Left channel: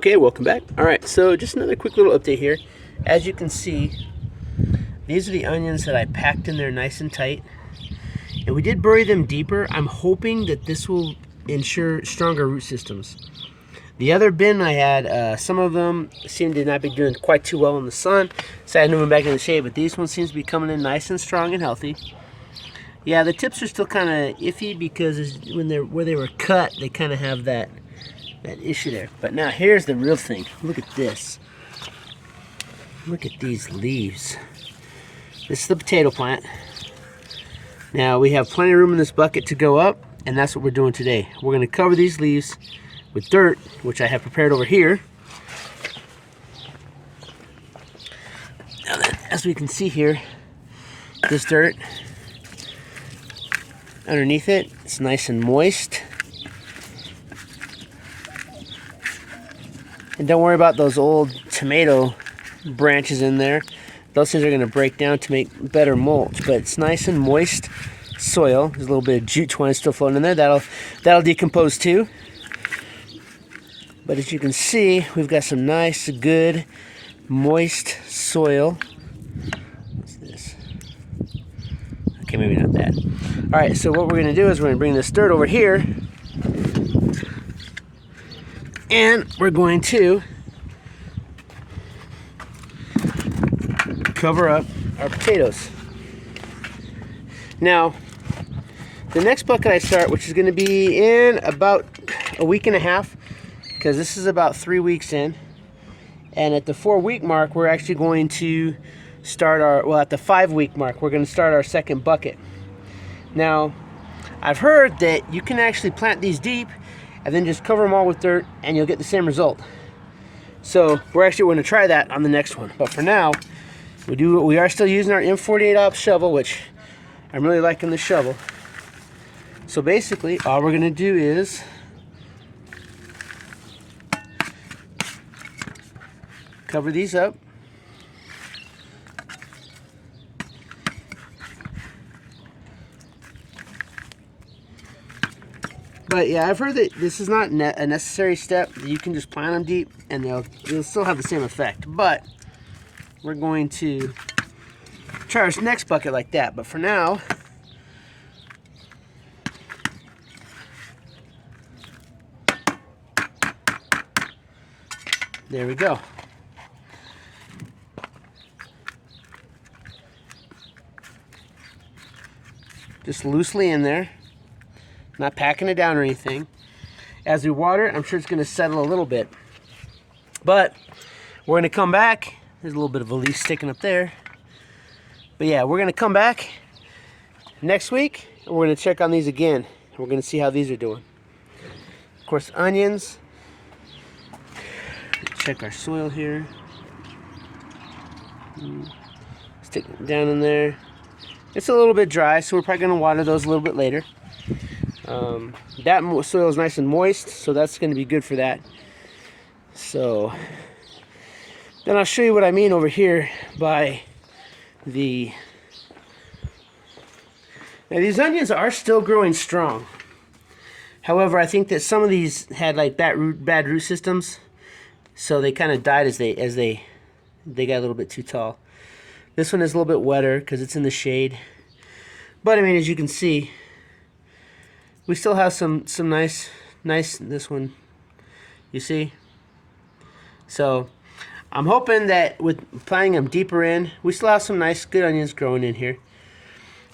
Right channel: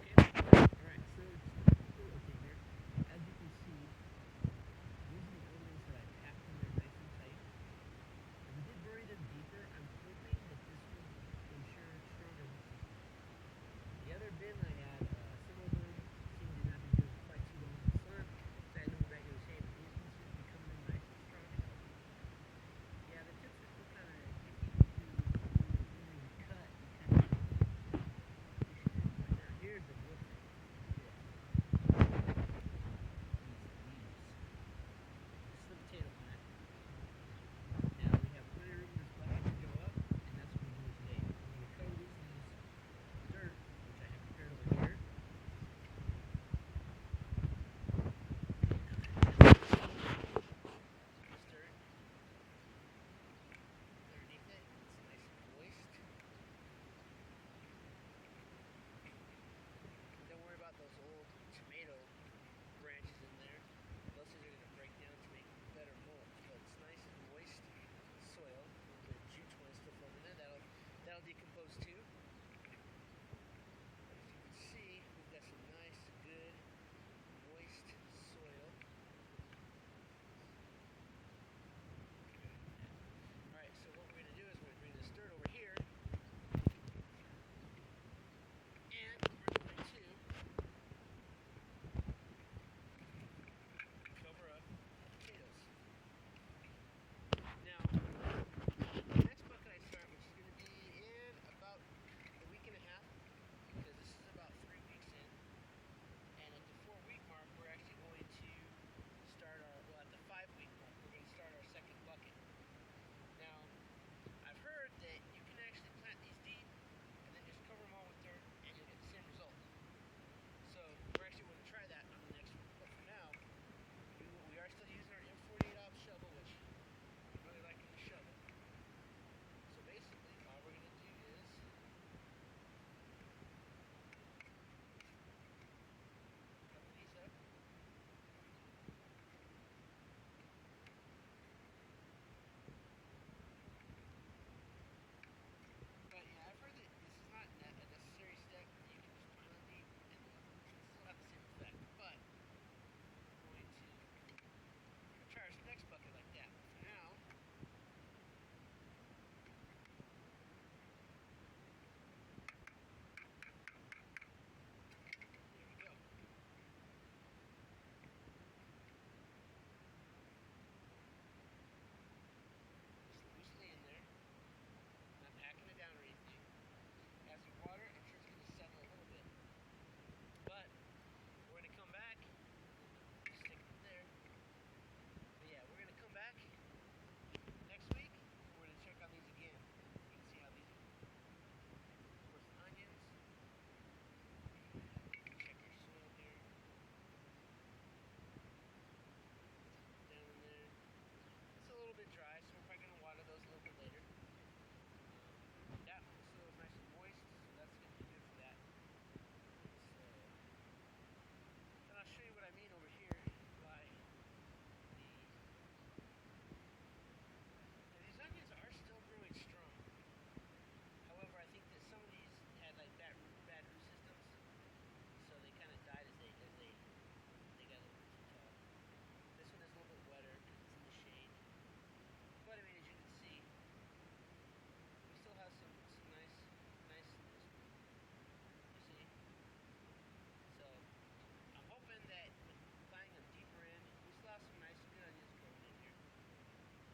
Okay, welcome back. All right, so just another quick little update here. As you can see, these are the onions that I packed in there nice and tight. And we did bury them deeper. I'm hoping that this will ensure stronger root systems. The other bin I had, some of them seemed to not be doing quite too well in the sun, so I had to move them back in the shade, but these ones seem to be coming in nice and strong and healthy. Yeah, the tips are still kind of iffy because where they were cut, they kind of have that issue there. But now here's the real thing. Look at this. Look at these leaves. This is the potato plant. Now we have plenty of room in this bucket to go up, and that's what we're doing today. We're going to cover these leaves with dirt, which I have prepared over here. Now then, as we can see here, this dirt underneath it, it's nice and moist. And don't worry about those old tomato branches in there. Those things are going to break down to make better mulch, but it's nice and moist soil. There's a little bit of jute twine still floating in there. That'll decompose too. But as you can see, we've got some nice, good, moist soil. What's this? Okay, maybe not that. All right, so what we're going to do is we're going to bring this dirt over here, and we're going to cover up our potatoes. Now, the next bucket I start, which is going to be in about a week and a half, because this is about 3 weeks in, and at the 4-week mark, we're actually going to start at the 5-week mark, we're going to start our second bucket. Now, I've heard that you can actually plant these deep and then just cover them all with dirt and you'll get the same result. So we're actually going to try that on the next one. But for now, we are still using our M48 Ops shovel, which I'm really liking the shovel. So basically, all we're going to do is cover these up. But yeah, I've heard that this is not a necessary step. You can just plant them deep and they'll still have the same effect. But we're going to try our next bucket like that. But for now, there we go. Just loosely in there. Not packing it down or anything. As we water it, I'm sure it's going to settle a little bit. But we're going to come back. There's a little bit of a leaf sticking up there. But yeah, we're going to come back next week and we're going to check on these again. We're going to see how these are doing. Of course, onions. Check our soil here. Stick it down in there. It's a little bit dry, so we're probably going to water those a little bit later. That soil is nice and moist, so that's going to be good for that. So then I'll show you what I mean over here by the... Now these onions are still growing strong. However, I think that some of these had like bad root systems, so they kind of died as they got a little bit too tall. This one is a little bit wetter because it's in the shade. But I mean, as you can see, we still have some nice, this one, you see? So I'm hoping that with planting them deeper in, we still have some nice, good onions growing in here.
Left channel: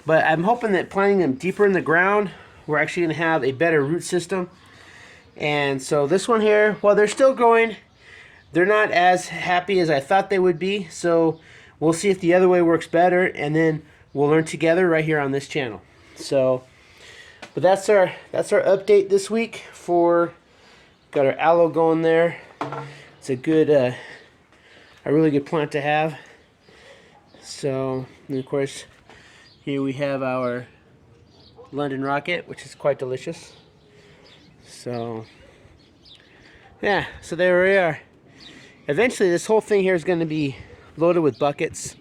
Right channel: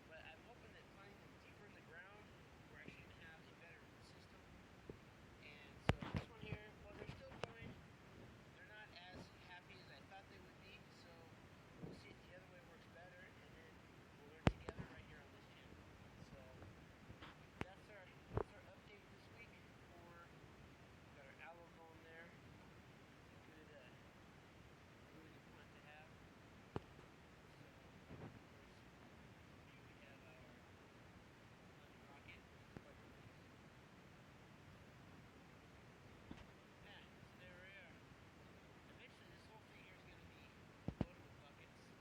But I'm hoping that planting them deeper in the ground, we're actually going to have a better root system. And so this one here, while they're still growing, they're not as happy as I thought they would be. So we'll see if the other way works better, and then we'll learn together right here on this channel. So, but that's our update this week for, got our aloe going there. It's a good, a really good plant to have. So, and of course, here we have our London Rocket, which is quite delicious. So, yeah, so there we are. Eventually, this whole thing here is going to be loaded with buckets.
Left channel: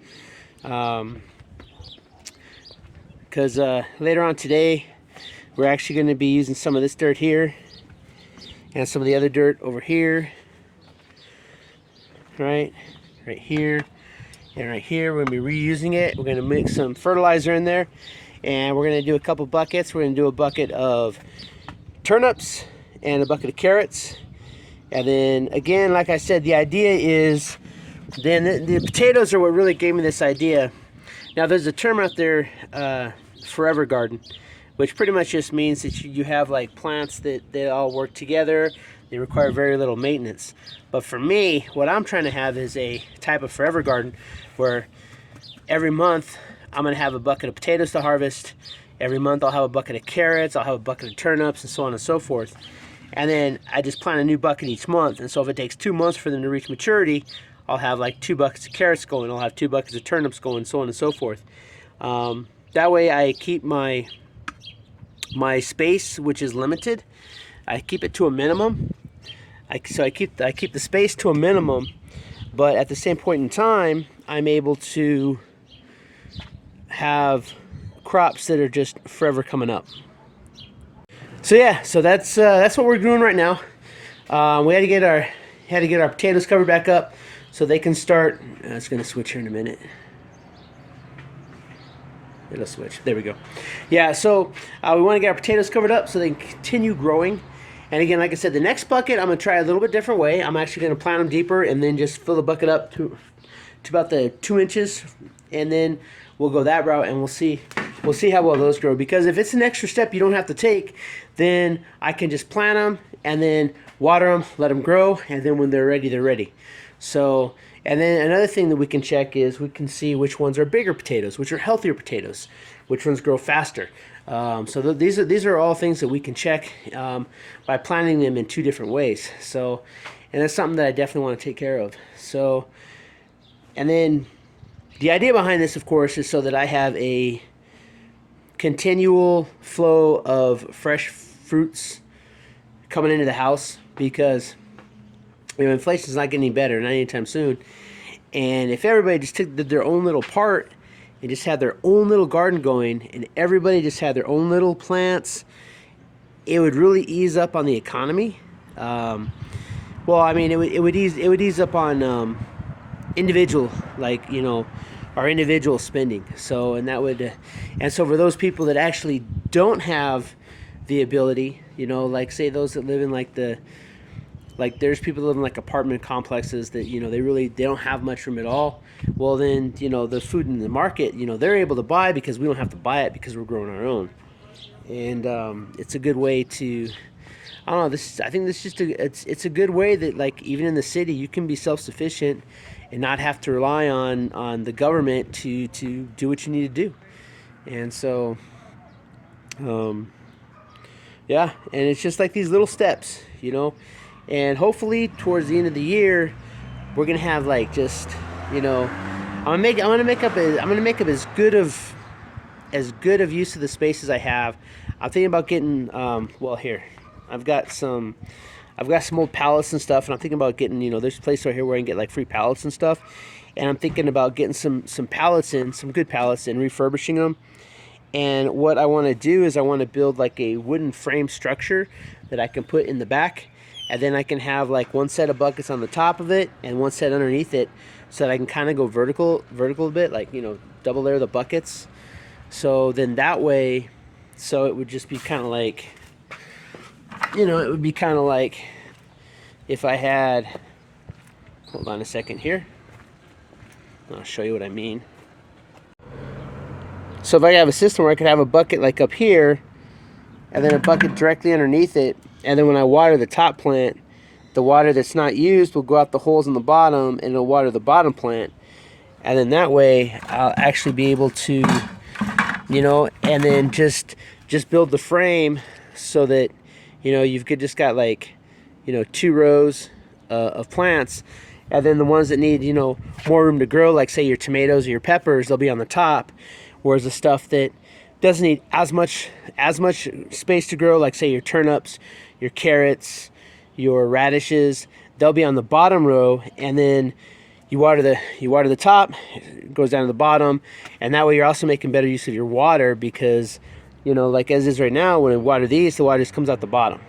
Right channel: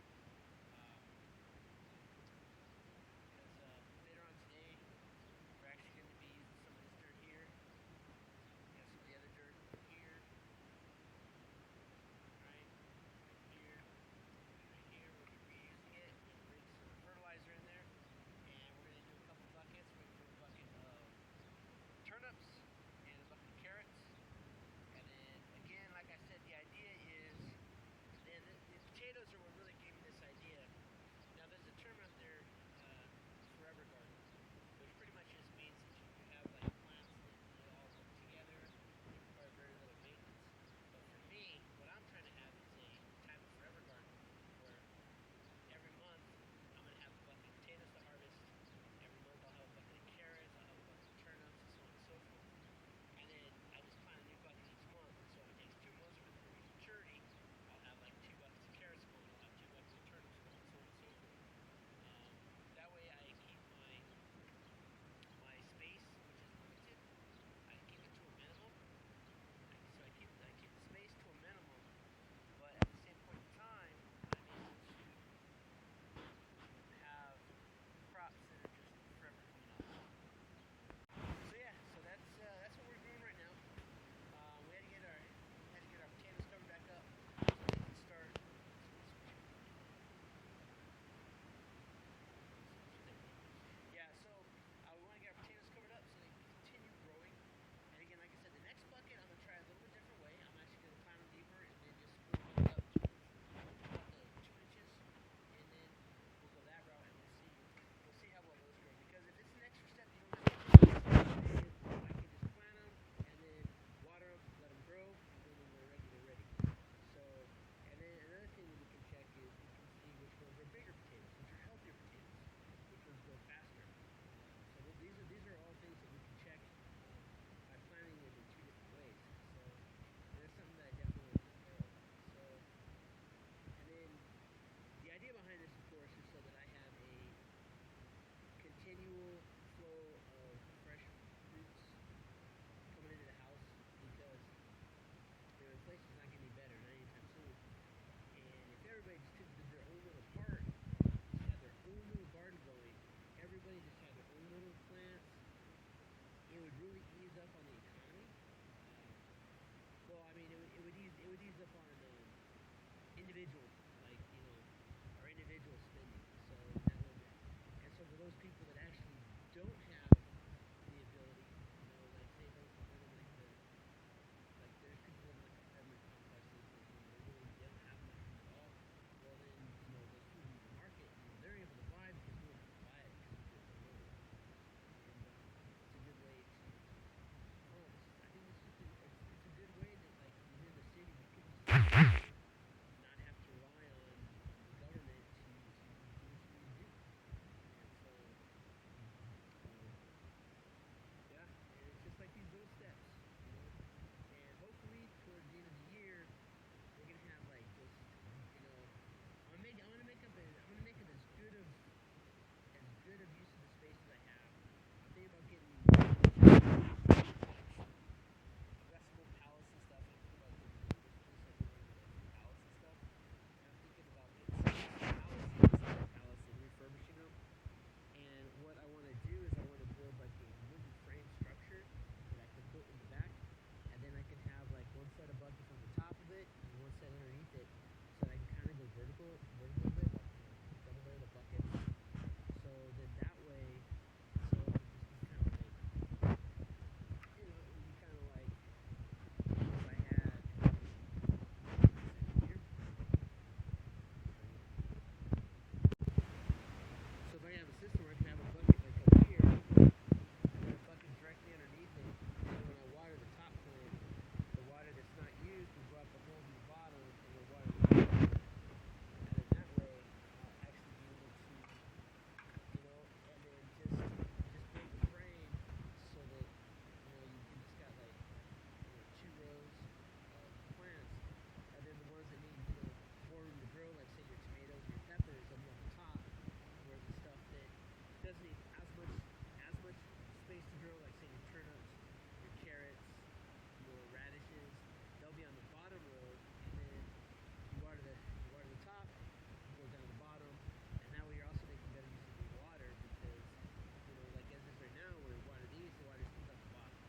Because later on today, we're actually going to be using some of this dirt here and some of the other dirt over here right here, and right here. We're gonna be reusing it. We're gonna mix some fertilizer in there, and we're gonna do a couple buckets. We're gonna do a bucket of turnips and a bucket of carrots. And then again, like I said, the idea is, then the potatoes are what really gave me this idea. Now there's a term out there, forever garden, which pretty much just means that you have like plants that they all work together. They require very little maintenance. But for me, what I'm trying to have is a type of forever garden where every month I'm gonna have a bucket of potatoes to harvest. Every month I'll have a bucket of carrots, I'll have a bucket of turnips, and so on and so forth. And then I just plant a new bucket each month. And so if it takes 2 months for them to reach maturity, I'll have like 2 buckets of carrots going, I'll have 2 buckets of turnips going, so on and so forth. That way I keep my space, which is limited, I keep it to a minimum. So I keep the space to a minimum, but at the same point in time, I'm able to have crops that are just forever coming up. So yeah, so that's what we're doing right now. We had to get our potatoes covered back up so they can start. It's gonna switch here in a minute. It'll switch. There we go. Yeah, so we want to get our potatoes covered up so they can continue growing. And again, like I said, the next bucket I'm gonna try a little bit different way. I'm actually gonna plant them deeper and then just fill the bucket up to about the 2 inches, and then we'll go that route, and we'll see how well those grow. Because if it's an extra step you don't have to take, then I can just plant them and then water them, let them grow, and then when they're ready, they're ready. So, and then another thing that we can check is we can see which ones are bigger potatoes, which are healthier potatoes, which ones grow faster. So these are all things that we can check by planting them in 2 different ways. So, and that's something that I definitely want to take care of. So, and then the idea behind this, of course, is so that I have a continual flow of fresh fruits coming into the house, because inflation's not getting any better, not anytime soon. And if everybody just took their own little part and just had their own little garden going, and everybody just had their own little plants, it would really ease up on the economy. Well, I mean, it would ease up on individual, like, our individual spending. So, and that would, and so for those people that actually don't have the ability, like say those that live in like there's people that live in like apartment complexes that, they don't have much room at all. Well, then, the food in the market, they're able to buy because we don't have to buy it because we're growing our own. And it's a good way to, I don't know, I think this is just it's a good way that, like, even in the city, you can be self-sufficient and not have to rely on the government to do what you need to do. And so, yeah, and it's just like these little steps, and hopefully towards the end of the year, we're gonna have like just, I'm gonna make up as good of use of the space as I have. I'm thinking about getting well, here I've got some old pallets and stuff, and I'm thinking about getting, there's a place right here where I can get like free pallets and stuff, and I'm thinking about getting some pallets in, some good pallets, and refurbishing them. And what I want to do is I want to build like a wooden frame structure that I can put in the back, and then I can have like one set of buckets on the top of it and one set underneath it, so that I can kind of go vertical a bit, like, double layer the buckets. So then that way, so it would just be kind of like, it would be kind of like if I had, hold on a second here, I'll show you what I mean. So if I have a system where I could have a bucket like up here, and then a bucket directly underneath it, and then when I water the top plant, the water that's not used will go out the holes in the bottom, and it'll water the bottom plant. And then that way, I'll actually be able to, and then just build the frame so that, you've just got like, 2 rows of plants, and then the ones that need, more room to grow, like say your tomatoes or your peppers, they'll be on the top, whereas the stuff that doesn't need as much space to grow, like say your turnips, your carrots, your radishes, they'll be on the bottom row, and then you water the top, it goes down to the bottom, and that way you're also making better use of your water, because, like as is right now, when I water these, the water just comes out the bottom.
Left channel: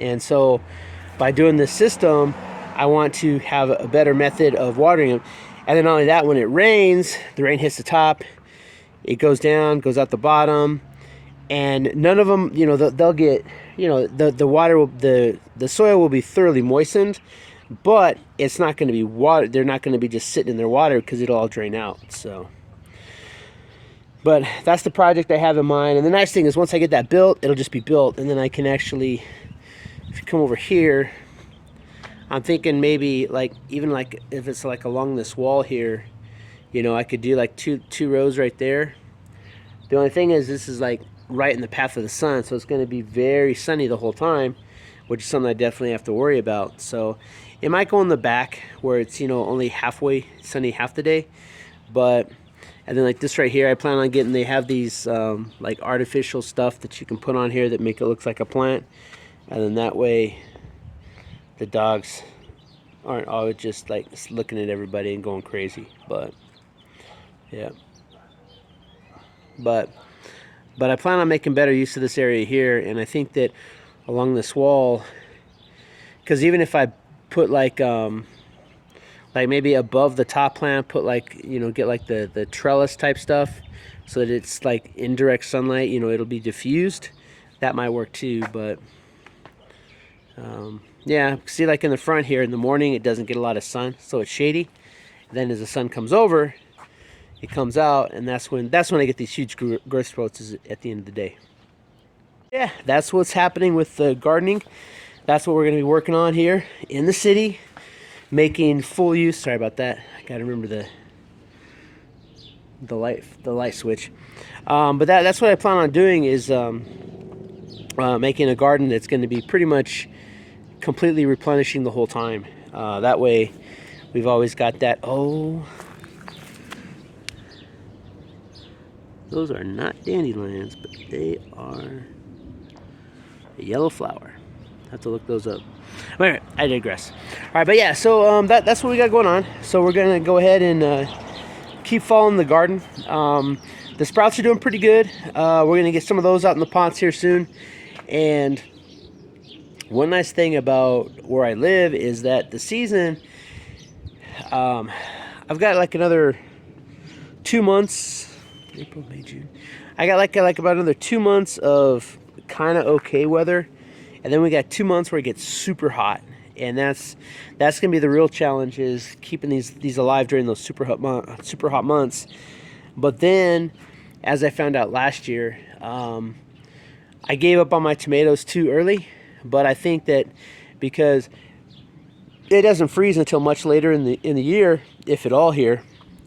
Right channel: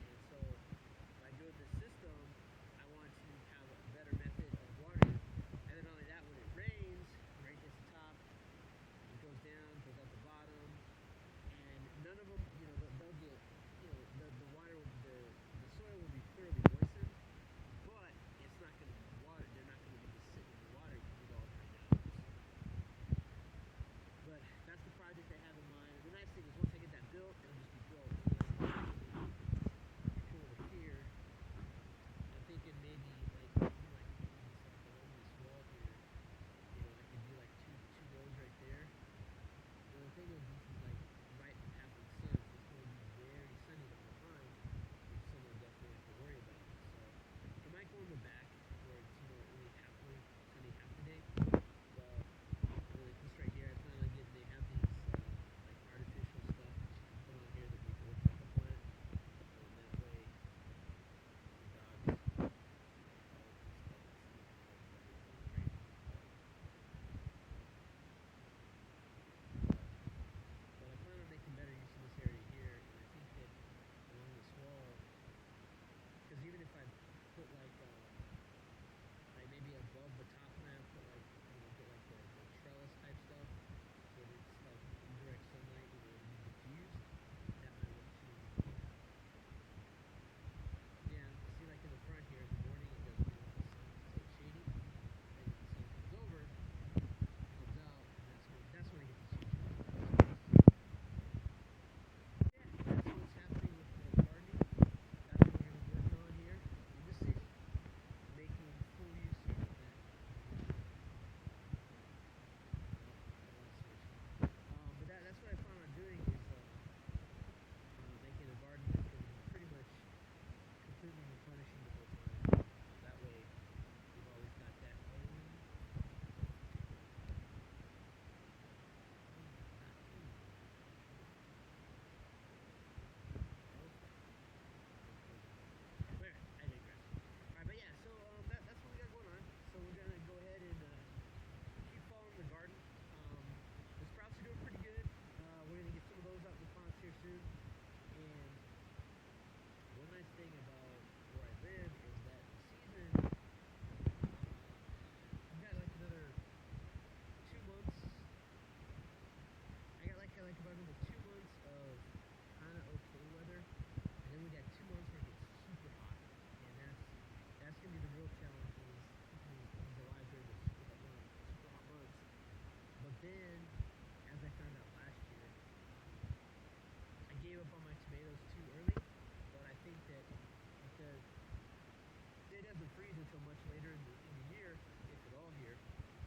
And so by doing this system, I want to have a better method of watering them. And then not only that, when it rains, the rain hits the top, it goes down, goes out the bottom, and none of them, you know, they'll get, you know, the water will, the soil will be thoroughly moistened, but it's not going to be water. They're not going to be just sitting in their water because it'll all drain out. So, but that's the project I have in mind. And the nice thing is once I get that built, it'll just be built, and then I can actually, if you come over here, I'm thinking maybe like even like if it's like along this wall here, you know, I could do like two rows right there. The only thing is this is like right in the path of the sun, so it's going to be very sunny the whole time, which is something I definitely have to worry about. So it might go in the back where it's, you know, only halfway sunny half the day, but and then like this right here, I plan on getting, they have these like artificial stuff that you can put on here that make it look like a plant, and then that way the dogs aren't always just like looking at everybody and going crazy. But yeah, but I plan on making better use of this area here, and I think that along this wall, because even if I put like maybe above the top plant, put like, you know, get like the trellis type stuff so that it's like indirect sunlight, you know, it'll be diffused, that might work too. But yeah, see, like in the front here in the morning, it doesn't get a lot of sun, so it's shady. Then as the sun comes over, it comes out, and that's when I get these huge growth spurts, is at the end of the day. Yeah, that's what's happening with the gardening. That's what we're going to be working on here in the city, making full use. Sorry about that. I got to remember the light switch. But that's what I plan on doing, is making a garden that's going to be pretty much completely replenishing the whole time. That way we've always got that. Oh, those are not dandelions, but they are a yellow flower. Have to look those up. All right, I digress. All right, but yeah, so that's what we got going on. So we're gonna go ahead and keep following the garden. The sprouts are doing pretty good. We're gonna get some of those out in the pots here soon. And one nice thing about where I live is that the season, I've got like another 2 months, April, May, June. I got like about another 2 months of kind of okay weather, and then we got 2 months where it gets super hot, and that's gonna be the real challenge, is keeping these alive during those super hot months. But then, as I found out last year, I gave up on my tomatoes too early. But I think that because it doesn't freeze until much later in the year, if at all here,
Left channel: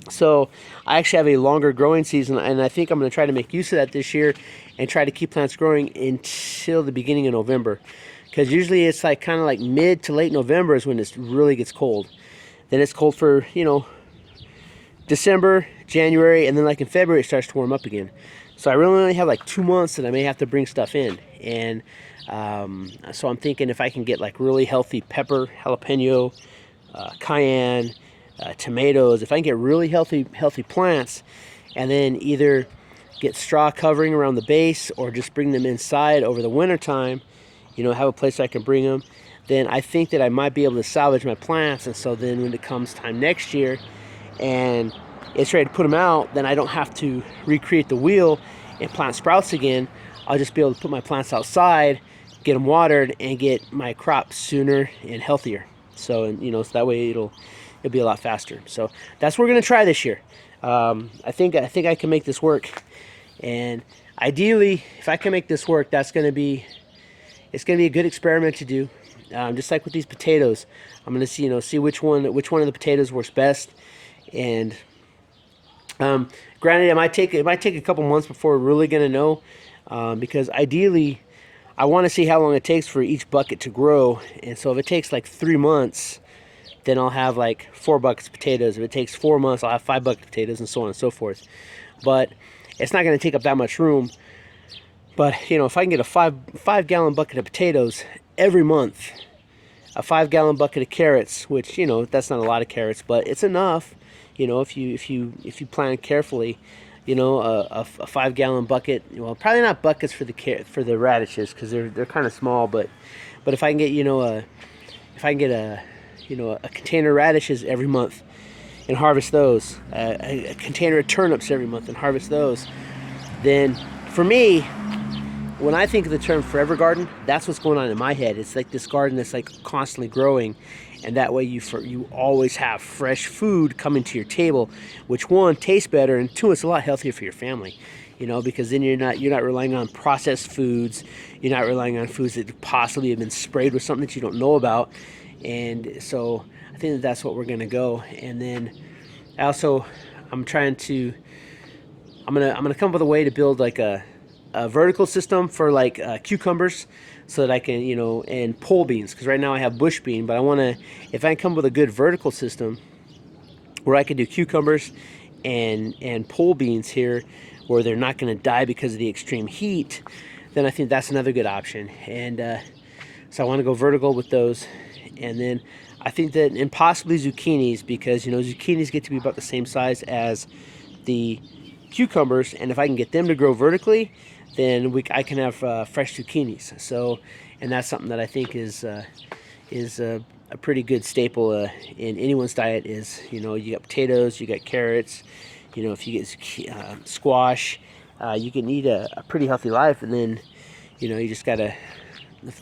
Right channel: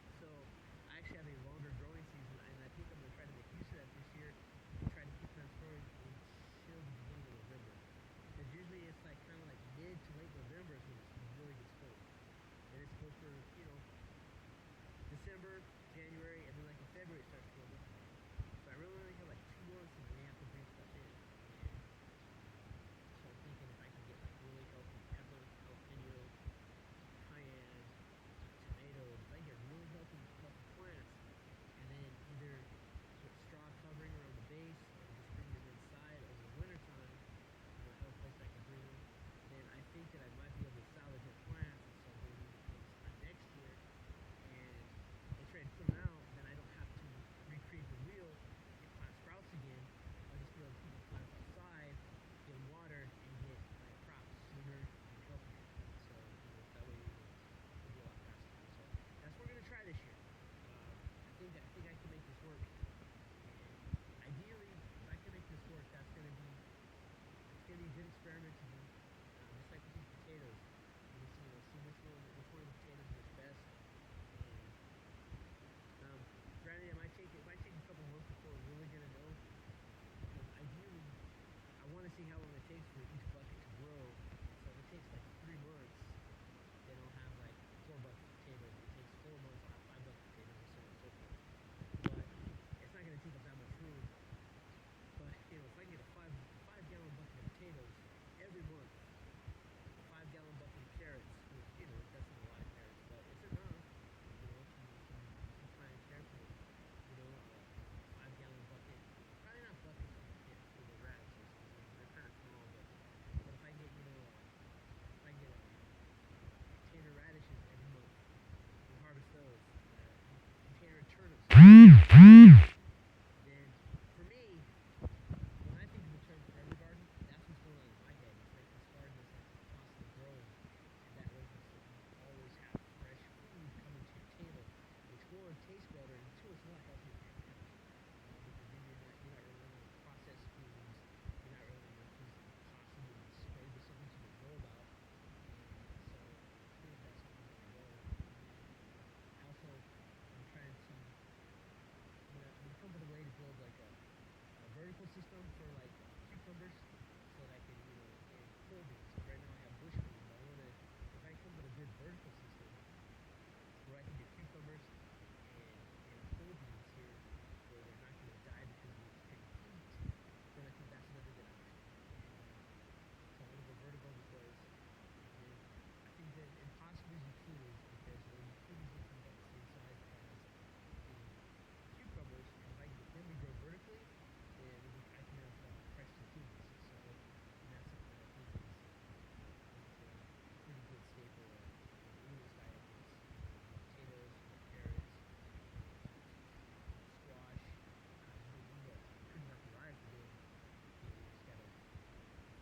so I actually have a longer growing season, and I think I'm going to try to make use of that this year and try to keep plants growing until the beginning of November, because usually it's like kind of like mid to late November is when it really gets cold. Then it's cold for, you know, December, January, and then like in February it starts to warm up again. So I really only have like 2 months that I may have to bring stuff in, and so I'm thinking if I can get like really healthy pepper, jalapeno, cayenne, tomatoes, if I can get really healthy plants, and then either get straw covering around the base or just bring them inside over the winter time, you know, have a place I can bring them, then I think that I might be able to salvage my plants. And so then when it comes time next year and it's ready to put them out, then I don't have to recreate the wheel and plant sprouts again. I'll just be able to put my plants outside, get them watered, and get my crop sooner and healthier. So, and you know, so that way it'll be a lot faster. So that's what we're gonna try this year. I think I can make this work, and ideally, if I can make this work, it's gonna be a good experiment to do. Just like with these potatoes, I'm gonna see which one of the potatoes works best. And granted, it might take a couple months before we're really gonna know, because ideally I want to see how long it takes for each bucket to grow. And so if it takes like 3 months, then I'll have like 4 buckets of potatoes. If it takes 4 months, I'll have 5 buckets of potatoes, and so on and so forth. But it's not going to take up that much room. But you know, if I can get a 5 gallon bucket of potatoes every month, a 5 gallon bucket of carrots, which, you know, that's not a lot of carrots, but it's enough. You know, if you plan carefully, you know, a 5 gallon bucket. Well, probably not buckets for the radishes, because they're kind of small. But if I can get, you know, a container of radishes every month and harvest those, a container of turnips every month and harvest those, then for me, when I think of the term forever garden, that's what's going on in my head. It's like this garden that's like constantly growing, and that way you always have fresh food coming to your table, which one, tastes better, and two, it's a lot healthier for your family. Because then you're not relying on processed foods, you're not relying on foods that possibly have been sprayed with something that you don't know about, and so I think that's what we're gonna go. And then I'm gonna come up with a way to build like a vertical system for like cucumbers, so that I can, and pole beans, because right now I have bush bean, but I want to, if I can come up with a good vertical system where I can do cucumbers and pole beans here, where they're not going to die because of the extreme heat, then I think that's another good option. And so I want to go vertical with those. And then I think that, and possibly zucchinis, because zucchinis get to be about the same size as the cucumbers, and if I can get them to grow vertically, then I can have fresh zucchinis. So, and that's something that I think is a pretty good staple in anyone's diet. Is, you got potatoes, you got carrots, if you get squash, you can eat a pretty healthy life. And then you just gotta,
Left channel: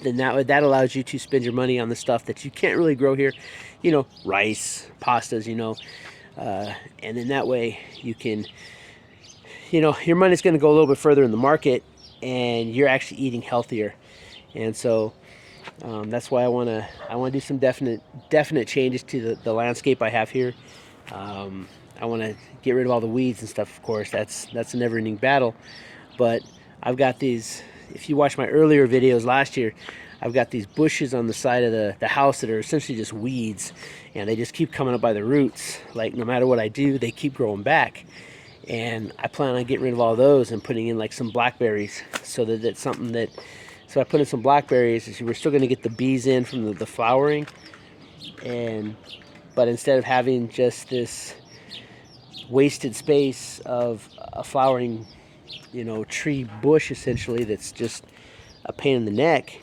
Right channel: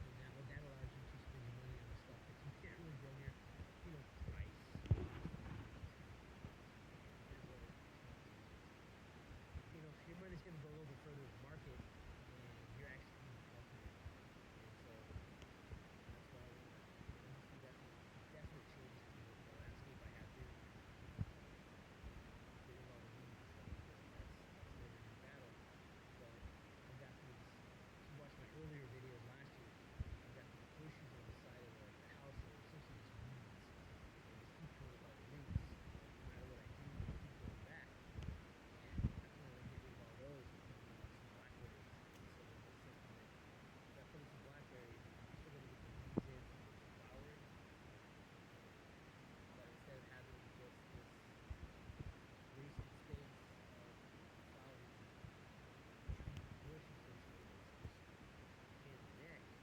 then that allows you to spend your money on the stuff that you can't really grow here, rice, pastas, and then that way you can, your money's going to go a little bit further in the market, and you're actually eating healthier. And so that's why I want to do some definite changes to the landscape I have here. I want to get rid of all the weeds and stuff. Of course, that's a never-ending battle. But I've got these. If you watch my earlier videos last year, I've got these bushes on the side of the house that are essentially just weeds, and they just keep coming up by the roots. Like, no matter what I do, they keep growing back. And I plan on getting rid of all those and putting in like some blackberries, so that that's something that, so I put in some blackberries, we're still going to get the bees in from the flowering, but instead of having just this wasted space of a flowering, tree bush essentially, that's just a pain in the neck,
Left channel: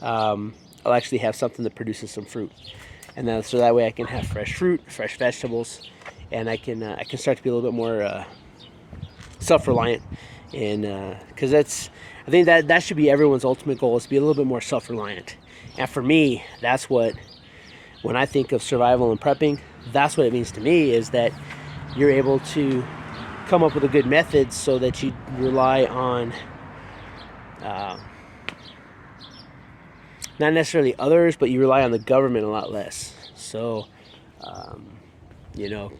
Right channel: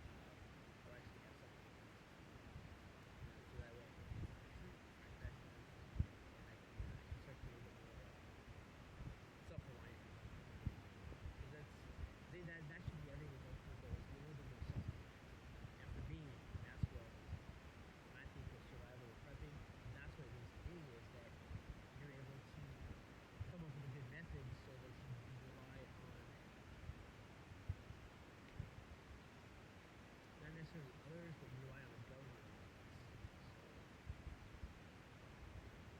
I'll actually have something that produces some fruit, and then so that way I can have fresh fruit, fresh vegetables, and I can start to be a little bit more self-reliant. And because I think that should be everyone's ultimate goal, is to be a little bit more self-reliant. And for me, that's what, when I think of survival and prepping, that's what it means to me, is that you're able to come up with a good method so that you rely on not necessarily others, but you rely on the government a lot less. So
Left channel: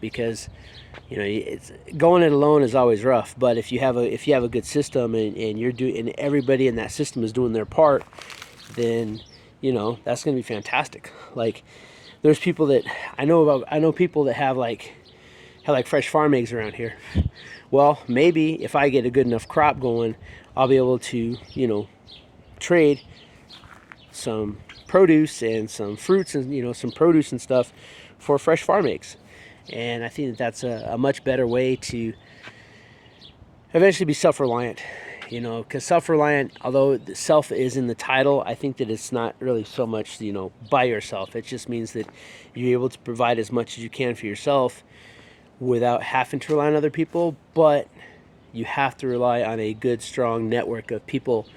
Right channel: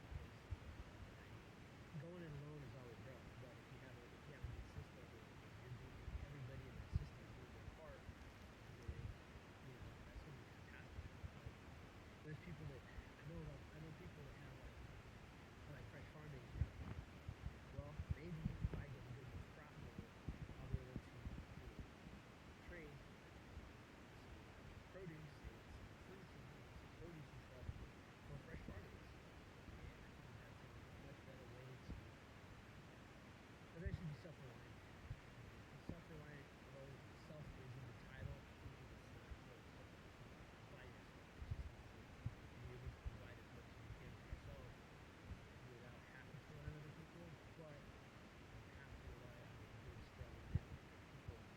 because it's going it alone is always rough, but if you have a good system, and and everybody in that system is doing their part, then that's going to be fantastic. Like, there's people that I know people that have fresh farm eggs around here. Well, maybe if I get a good enough crop going, I'll be able to trade some produce and some fruits and some produce and stuff for fresh farm eggs. And I think that's a much better way to eventually be self-reliant, because self-reliant, although self is in the title, I think that it's not really so much, by yourself. It just means that you're able to provide as much as you can for yourself without having to rely on other people, but you have to rely on a good, strong network of people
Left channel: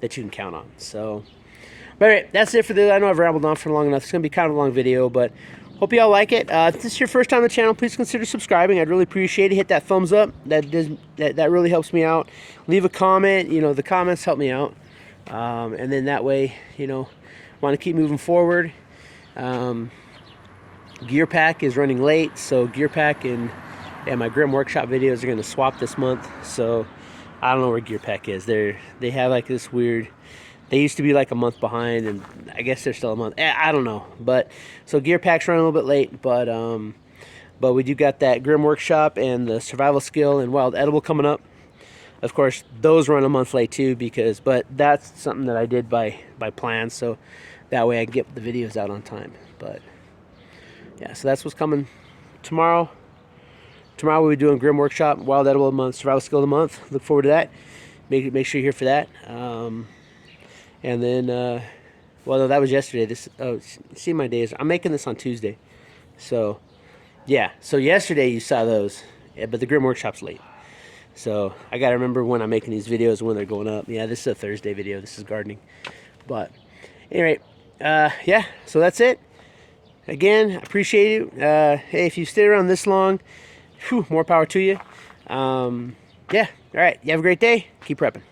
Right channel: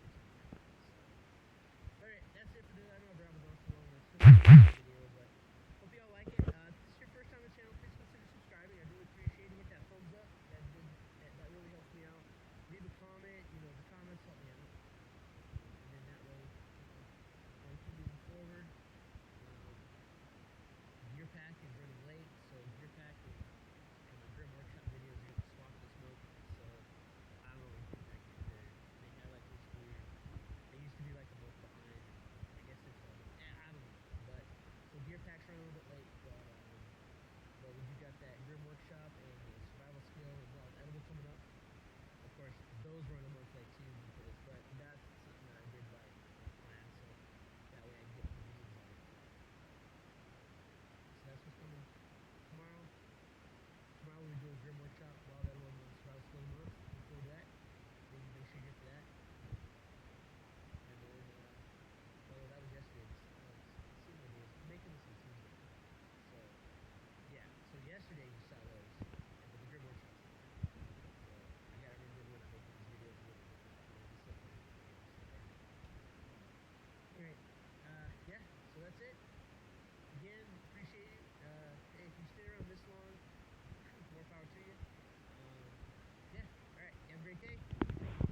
that you can count on. So, but all right, that's it for this. I know I've rambled on for long enough. It's going to be kind of a long video, but hope you all like it. If this is your first time on the channel, please consider subscribing. I'd really appreciate it. Hit that thumbs up. That really helps me out. Leave a comment. The comments help me out. And then that way, want to keep moving forward. Gear Pack is running late, so Gear Pack and my Grim Workshop videos are going to swap this month. So I don't know where Gear Pack is. They have like this weird. They used to be like a month behind, and I guess they're still a month. I don't know. But so Gear Pack's running a little bit late, but we do got that Grim Workshop and the Survival Skill and Wild Edible coming up. Of course, those run a month late too, but that's something that I did by plan, so that way I can get the videos out on time. But yeah, so that's what's coming tomorrow. Tomorrow we'll be doing Grim Workshop, Wild Edible of the month, Survival Skill of the month. Look forward to that. Make sure you're here for that. And then Well, no, that was yesterday. This, oh, see my days. I'm making this on Tuesday. So, yeah. So yesterday you saw those, yeah, but the Grim Workshop's late. So I gotta remember when I'm making these videos when they're going up. Yeah, this is a Thursday video. This is gardening. But anyway, yeah. So that's it. Again, I appreciate you. Hey, if you stay around this long, whew, more power to you. Yeah. All right. You have a great day. Keep prepping.